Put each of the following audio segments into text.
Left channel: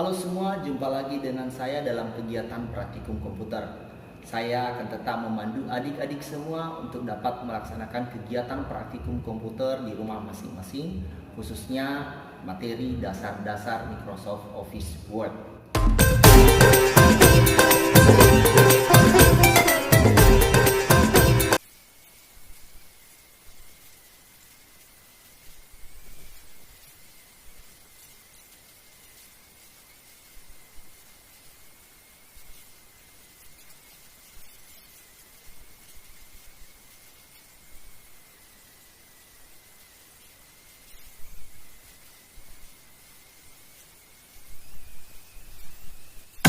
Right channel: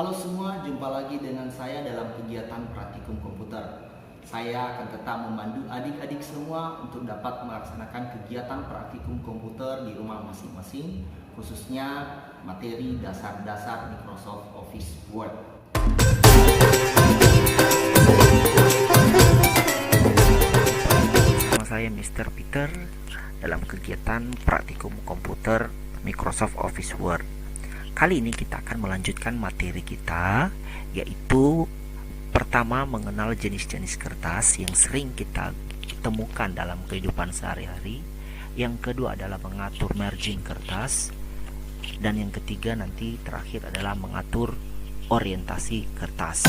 Halo semua, jumpa lagi dengan saya dalam kegiatan praktikum komputer. Saya akan tetap memandu adik-adik semua untuk dapat melaksanakan kegiatan praktikum komputer di rumah masing-masing, khususnya materi dasar-dasar Microsoft Office Word. Nama saya Mr. Peter dalam kegiatan praktikum komputer Microsoft Office Word. Kali ini kita akan melanjutkan materi kita, yaitu pertama mengenal jenis-jenis kertas yang sering kita temukan dalam kehidupan sehari-hari. Yang kedua adalah mengatur margin kertas. Dan yang ketiga nanti terakhir adalah mengatur orientasi kertas.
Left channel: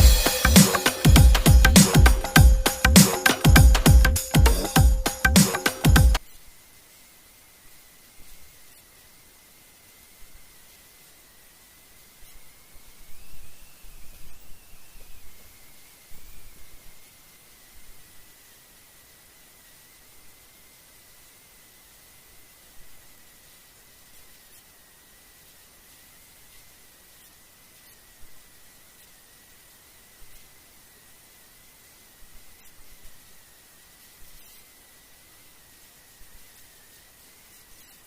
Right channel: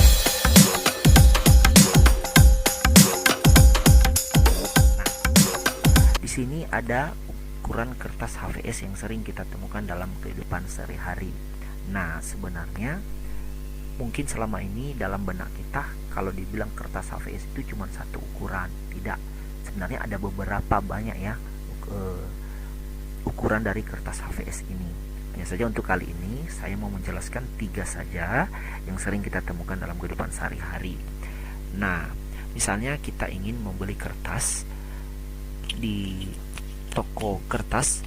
Di sini ada ukuran kertas HVS yang sering kita temukan dalam kehidupan sehari-hari. Nah, sebenarnya mungkin selama ini dalam benak kita kalau dibilang kertas HVS itu cuma satu ukuran. Tidak, sebenarnya ada beberapa banyak ya ukuran dari kertas HVS ini. Hanya saja untuk kali ini saya mau menjelaskan 3 saja yang sering kita temukan dalam kehidupan sehari-hari. Nah, misalnya kita ingin membeli kertas di toko kertas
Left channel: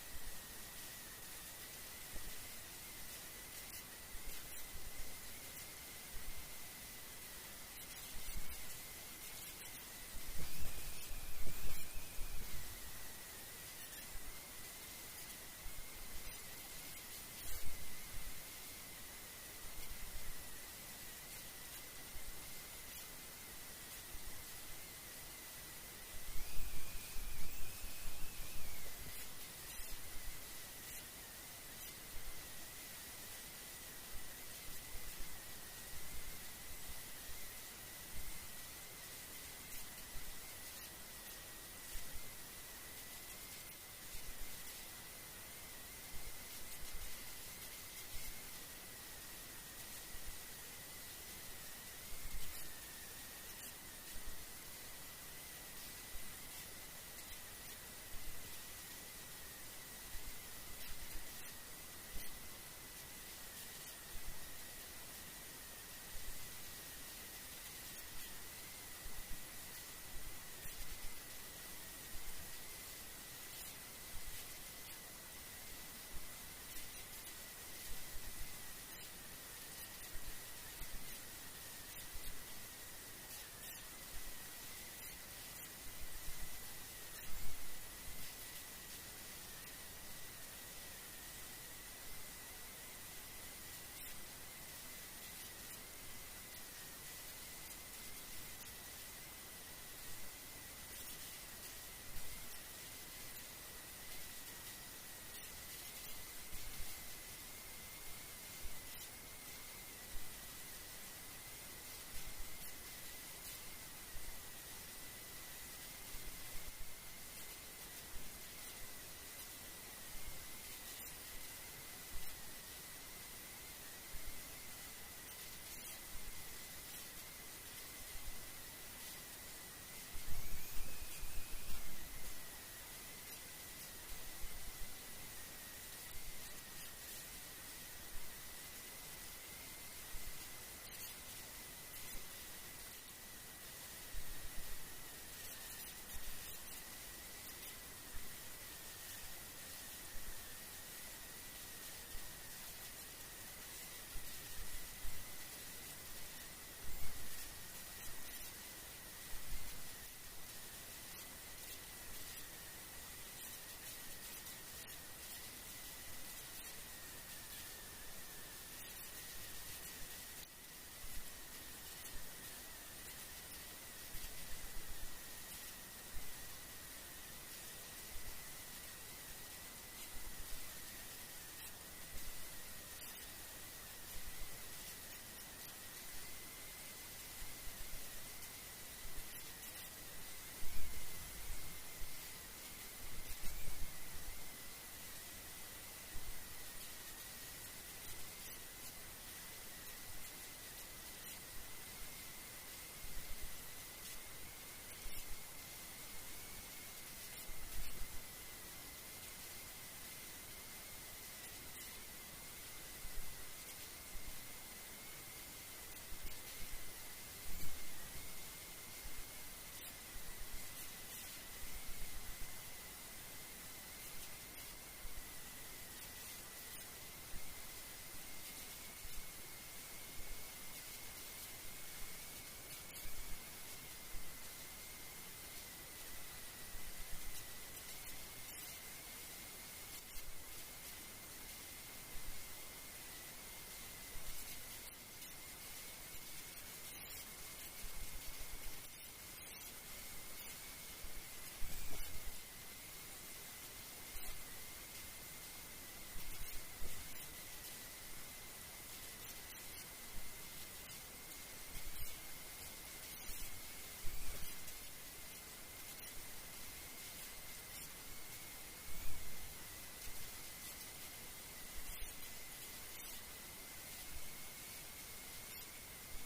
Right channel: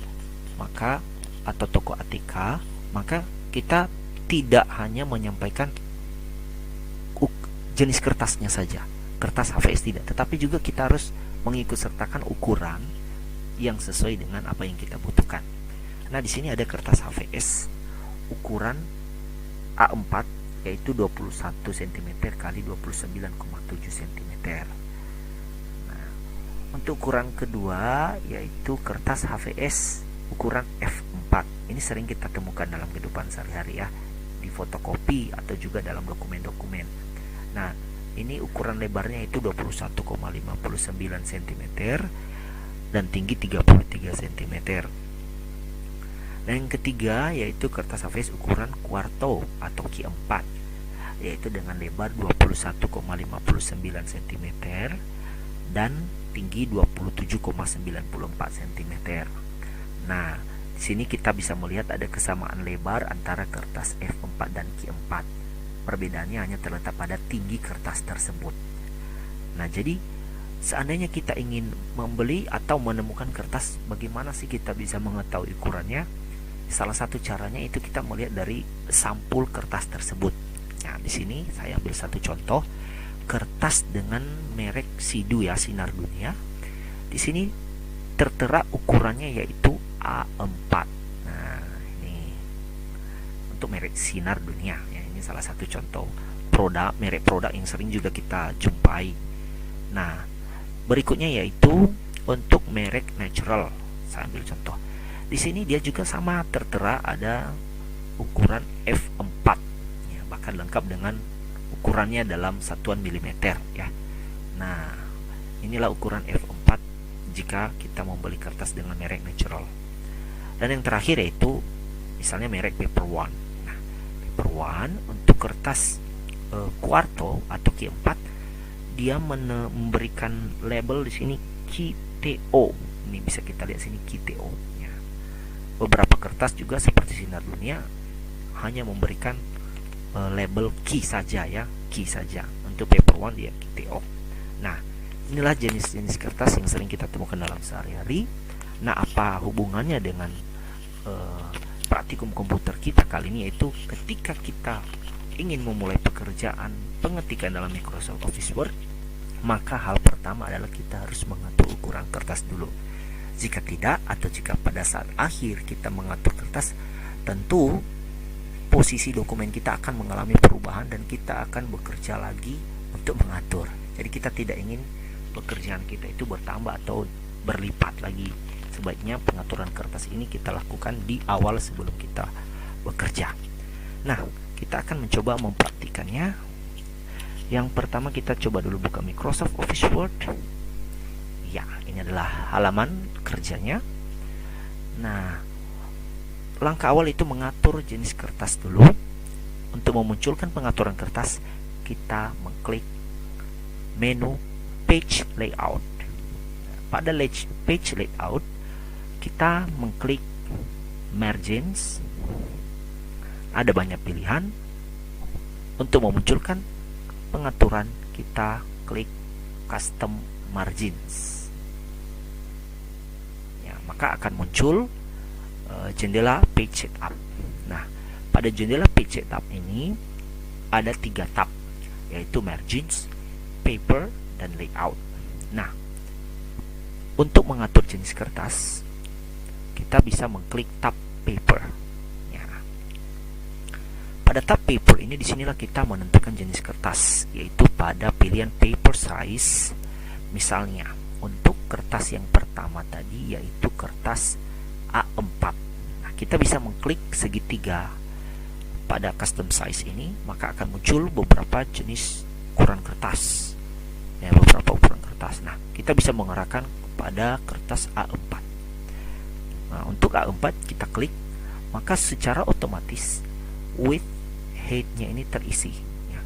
atau toko ATK, maka kita tidak hanya menyampaikan jenis kertasnya saja, kertas HVS tidak, tetapi juga kita harus mengikut sertakan ukuran yang sesuai dengan apa yang kita butuhkan. Nah, di sini ada kertas HVS ukuran A4 yaitu 21 cm kali 29,7 cm. Untuk ukuran kedua yaitu kertas HVS ukuran F4. Ini sering kita temukan dalam kehidupan sehari-hari ya, di fotokopi atau juga dalam dokumen-dokumen. Nah, ini ukuran lebarnya itu 21,59 cm dan tinggi 33 cm. Dan yang ketiga yaitu kertas HVS ukuran kuarto atau Q4, yaitu dengan lebar 21,59 cm dan tinggi 27,94 cm. Nah, di sini kita bisa melihat ada kesamaan lebar antara kertas F4 dan Q4. Perbedaannya hanya terletak pada tinggi kertas tersebut. Nah, jadi seandainya kita ingin membeli atau menemukan kertas, bagaimana sih kita bisa mengetahui ukurannya? Salah satu caranya itu kita melihat dari sampul kertas tersebut. Nah, di sini saya ambil satu contoh kertas dengan merek Sidu ya, Sinar Dunia. Di sini tertera ukurannya yaitu A4. Nah, ini untuk merek Sinar Dunia ya, ini salah satu contoh merek produk yang sering juga kita jumpai. Nah, berikutnya yaitu untuk merek Natural. Saya ambil contoh. Di sini dia juga sama tertera ada ukuran F4 ya, bahkan lengkap dengan ukurannya dalam satuan milimeter ya. Nah, inilah ukuran F4 jika kita membeli kertas dengan merek Natural. Dan yang terakhir yaitu misalnya merek Paper One. Nah, Paper One untuk kertas kuarto atau Q4 dia memberikan label di sini QTO. Ini bisa kita lihat sini QTO ya. Beberapa kertas juga seperti Sinar Dunia hanya memberikan label key saja ya, key saja. Untuk Paper One dia QTO. Nah, inilah jenis-jenis kertas yang sering kita temukan dalam sehari-hari. Nah, apa hubungannya dengan praktikum komputer kita kali ini, yaitu ketika kita ingin memulai pekerjaan pengetikan dalam Microsoft Office Word, maka hal pertama adalah kita harus mengatur ukuran kertas dulu. Jika tidak, atau jika pada saat akhir kita mengatur kertas, tentu posisi dokumen kita akan mengalami perubahan dan kita akan bekerja lagi untuk mengatur. Jadi kita tidak ingin pekerjaan kita itu bertambah atau berlipat lagi. Sebaiknya pengaturan kertas ini kita lakukan di awal sebelum kita bekerja. Nah, kita akan mencoba mempraktikannya. Yang pertama kita coba dulu buka Microsoft Office Word. Ya, ini adalah halaman kerjanya. Nah, langkah awal itu mengatur jenis kertas dulu. Untuk memunculkan pengaturan kertas, kita mengklik menu Page Layout. Pada Page Layout, kita mengklik Margins. Ada banyak pilihan. Untuk memunculkan pengaturan, kita klik custom margins ya, maka akan muncul jendela page setup. Nah, pada jendela page setup ini ada 3 tab, yaitu margins, paper, dan layout. Nah, untuk mengatur jenis kertas, kita bisa mengklik tab paper ya. Pada tab paper ini, disinilah kita menentukan jenis kertas, yaitu pada pilihan paper size. Misalnya untuk kertas yang pertama tadi, yaitu kertas A4. Nah, kita bisa mengklik segitiga pada custom size ini, maka akan muncul beberapa jenis ukuran kertas ya, beberapa ukuran kertas. Nah, kita bisa mengarahkan kepada kertas A4. Nah, untuk A4 kita klik, maka secara otomatis width height-nya ini terisi ya.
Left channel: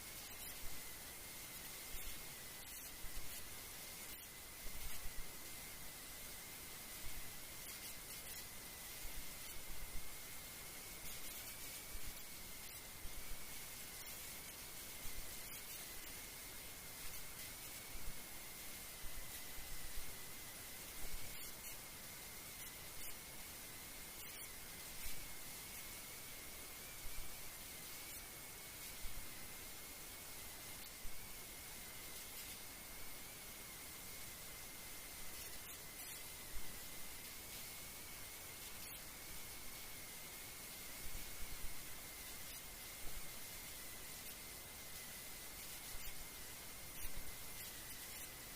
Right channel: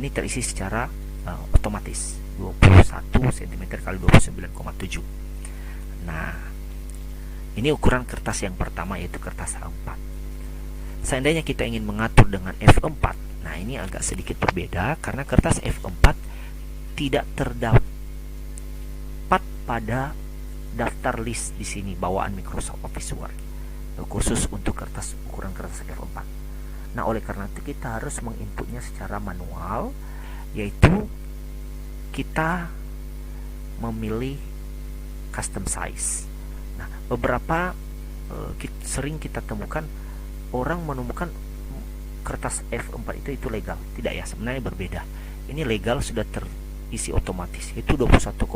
Ini terisi secara otomatis 21 cm kali 29,7. Nah, ini ukuran kertas yang pertama, yaitu kertas A4. Seandainya kita ingin mengatur dengan F4, nah ini agak sedikit berbeda karena kertas F4 tidak terdapat pada daftar list di sini bawaan Microsoft Office Word khusus untuk ukuran kertas F4. Nah, oleh karena itu kita harus menginputnya secara manual, yaitu kita memilih custom size. Nah, beberapa sering kita temukan orang menemukan kertas F4 itu legal. Tidak ya, sebenarnya berbeda. Ini legal sudah terisi otomatis, itu 21,59.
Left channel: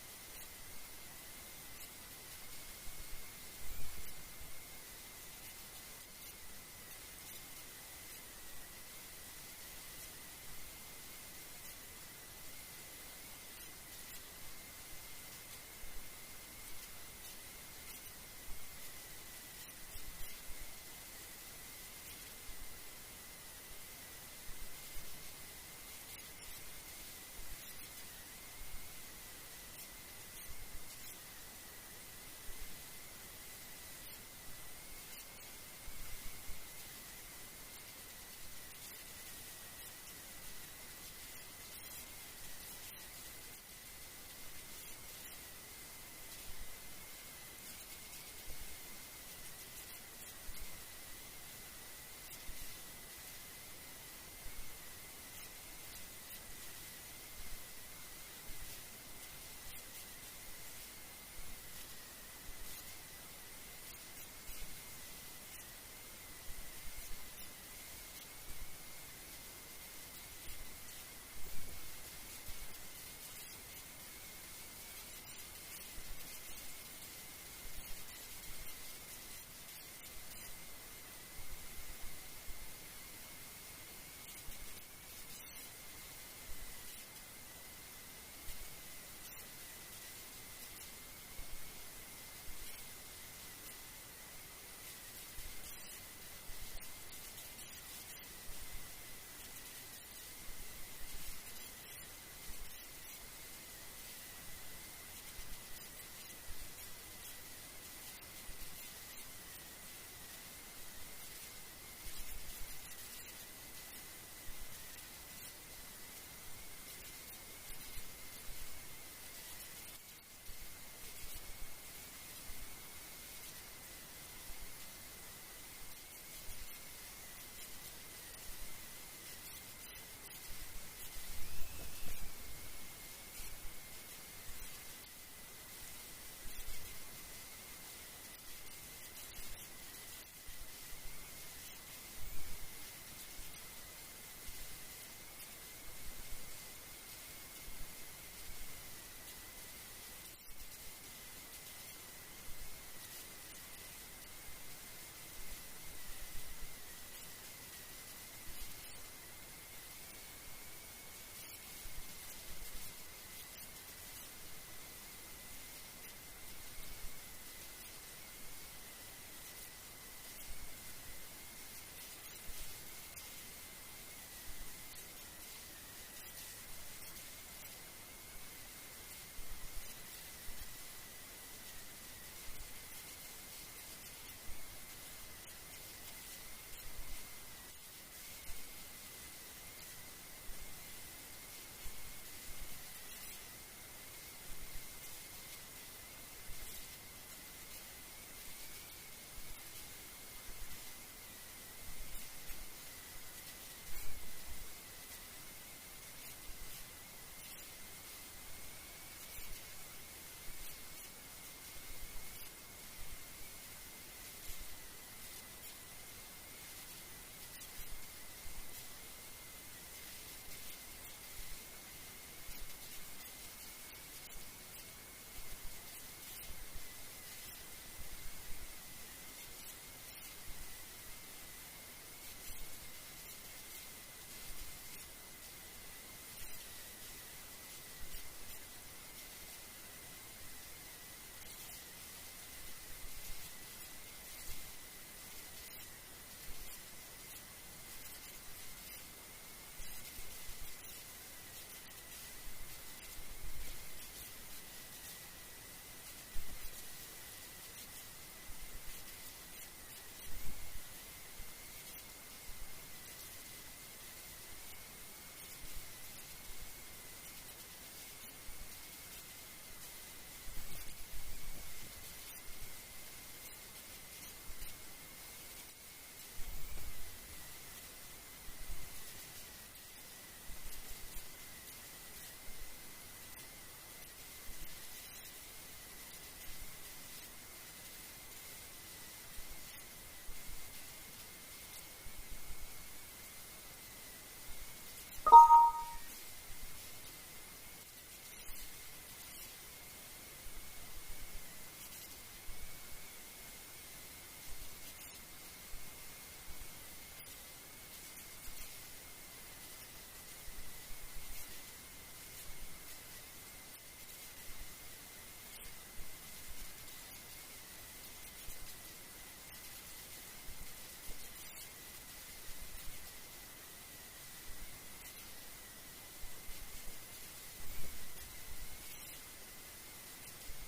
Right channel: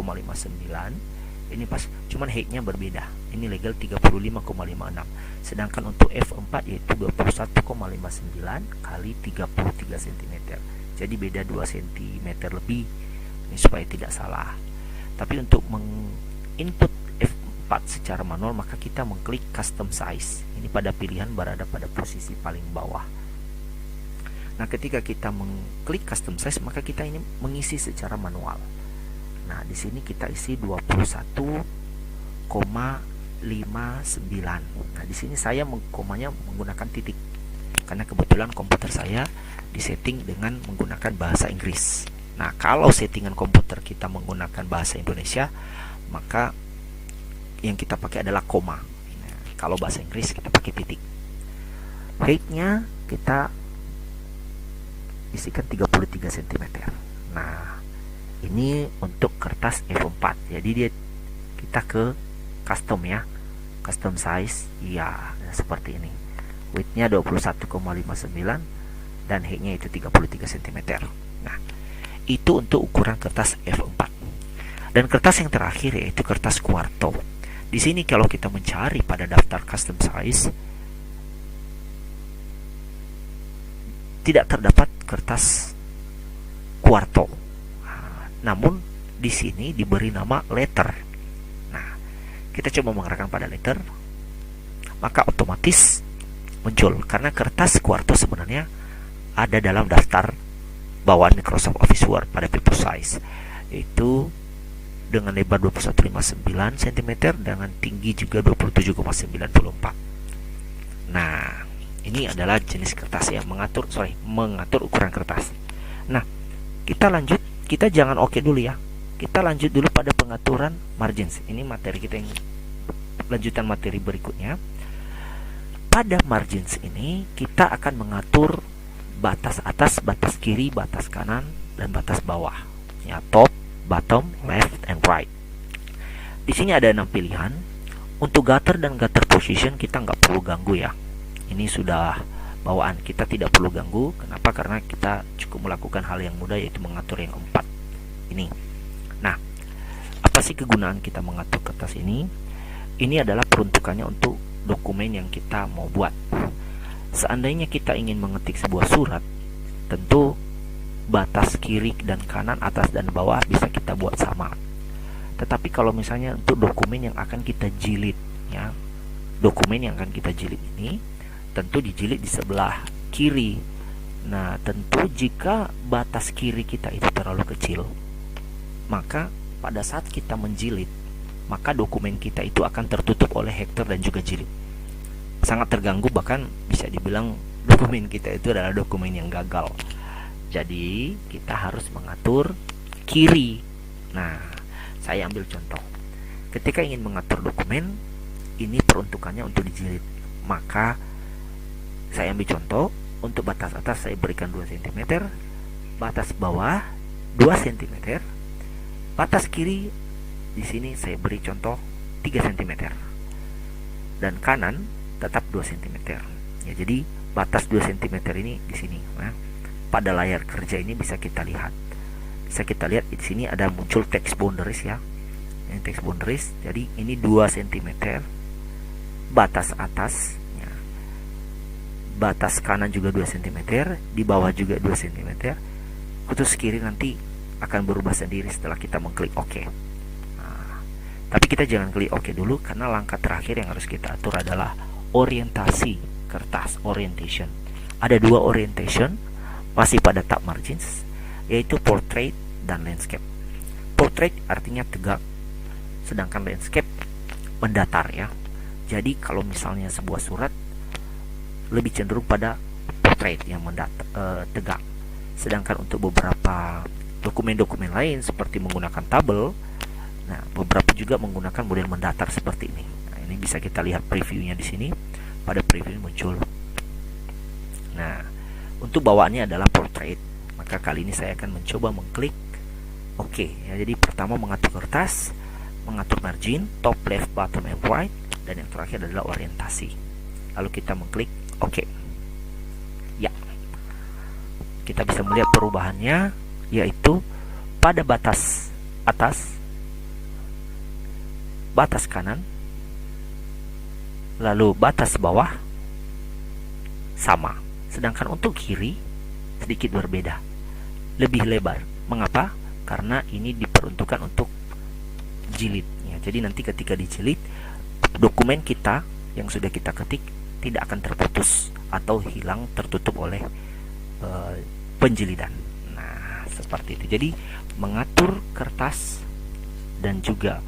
Ini pas, cuman height-nya berbeda. Ini legal 35,56. Sedangkan untuk F4 yaitu 21,59 kali 33 cm. Jadi beda 2 cm lebih. Ini supaya tidak salah. Tapi untuk menginput F4 secara manual, maka kita mengklik custom size. Ini pada pilihan berada pada posisi paling bawah. Nah, ketika kita mengklik custom size, maka kita ini mengisi secara manual. Nah, di sini kita isi 21,59. Nah, di sini saya komanya menggunakan titik karena kebetulan komputer saya disetting dengan menggunakan bahasa Inggris. Nah, kalau settingan komputer kita menggunakan bahasa Indonesia, maka yang kita pakai adalah koma. Nah, kalau bahasa Inggris kita pakai titik. Height-nya kita isikan 33 cm. Nah, ini untuk kertas F4. Jadi kita ke custom ya. Custom size ya, seperti ini. Width-nya 21,59 dan height-nya itu 33 cm. Nah, itu untuk ukuran kertas F4. Dan kertas yang terakhir yaitu kertas quarto. Di sini kalau kita mencari pada daftar custom size, tidak terdapat kertas quarto. Namun di sini diberi nama letter. Nah, kita coba mengarahkan pada letter, maka otomatis muncul karena kertas quarto sebenarnya ada dalam daftar bawaan Microsoft Office Word pada paper size, yaitu dengan lebar 21,59 cm dengan tinggi juga 27,94. Nah, ini adalah jenis kertas yang mengatur ukuran kertas. Nah, kita jangan oke dulu ya. Kita lanjut dulu pada pengaturan margins. Ini materi kita yang lanjutan materi berikutnya. Pada margins ini kita akan mengatur batas atas, batas kiri, batas kanan, dan batas bawah. Ya, top, bottom, left, and right. Di sini ada 6 pilihan. Untuk gutter dan gutter position kita nggak perlu ganggu ya. Ini sudah bawaan, kita tidak perlu ganggu. Kenapa? Karena kita cukup melakukan hal yang mudah, yaitu mengatur yang 4 ini. Nah, apa sih kegunaan kita mengatur kertas ini? Ini adalah peruntukannya untuk dokumen yang kita mau buat. Seandainya kita ingin mengetik sebuah surat, tentu batas kiri dan kanan, atas dan bawah bisa kita buat sama. Tetapi kalau misalnya untuk dokumen yang akan kita jilid ya, dokumen yang akan kita jilid ini tentu dijilid di sebelah kiri. Nah, tentu jika batas kiri kita itu terlalu kecil, maka pada saat kita menjilid, maka dokumen kita itu akan tertutup oleh header dan juga jilid. Sangat terganggu, bahkan bisa dibilang dokumen kita itu adalah dokumen yang gagal. Jadi kita harus mengatur kiri. Nah, saya ambil contoh. Ketika ingin mengatur dokumen, ini peruntukannya untuk dijilid. Maka saya ambil contoh, untuk batas atas saya berikan 2 cm, batas bawah 2 cm, batas kiri di sini saya beri contoh 3 cm, dan kanan tetap 2 cm. Ya, jadi batas 2 cm ini di sini. Nah, pada layar kerja ini bisa kita lihat. Bisa kita lihat di sini ada muncul text boundaries ya. Ini text boundaries. Jadi ini 2 cm batas atas. Ya. Batas kanan juga 2 cm, di bawah juga 2 cm. Khusus kiri nanti akan berubah sendiri setelah kita mengklik OK. Nah, tapi kita jangan klik OK dulu, karena langkah terakhir yang harus kita atur adalah orientasi kertas, orientation. Ada 2 orientation, masih pada tab margins, yaitu portrait dan landscape. Portrait artinya tegak, sedangkan landscape mendatar ya. Jadi kalau misalnya sebuah surat lebih cenderung pada portrait yang tegak. Sedangkan untuk beberapa dokumen-dokumen lain seperti menggunakan tabel, nah beberapa juga menggunakan model mendatar seperti ini. Nah, ini bisa kita lihat previewnya di sini. Pada preview muncul. Nah, untuk bawaannya adalah portrait. Maka kali ini saya akan mencoba mengklik OK. Ya, jadi pertama mengatur kertas, mengatur margin, top, left, bottom, and right, dan yang terakhir adalah orientasi. Lalu kita mengklik OK. Ya, kita bisa melihat perubahannya, yaitu pada batas atas, batas kanan, lalu batas bawah sama. Sedangkan untuk kiri sedikit berbeda, lebih lebar. Mengapa? Karena ini diperuntukkan untuk jilid ya. Jadi nanti ketika dijilid, dokumen kita yang sudah kita ketik tidak akan terputus atau hilang tertutup oleh penjilidan. Nah, seperti itu. Jadi mengatur kertas dan juga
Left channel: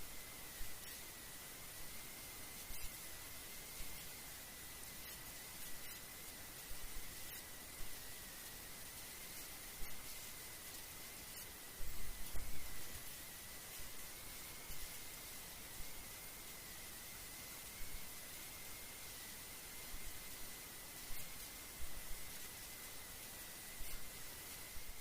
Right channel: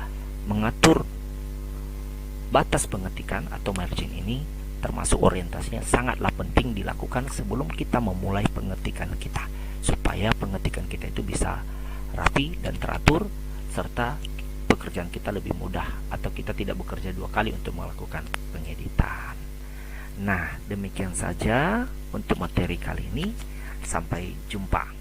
mengatur batas pengetikan atau margin ini, termasuk orientasinya, sangatlah penting dilakukan sebelum kita memulai pengetikan kita, supaya pengetikan kita itu bisa rapi dan teratur, serta pekerjaan kita lebih mudah, atau kita tidak bekerja 2 kali untuk melakukan pengeditan. Nah, demikian saja untuk materi kali ini. Sampai jumpa.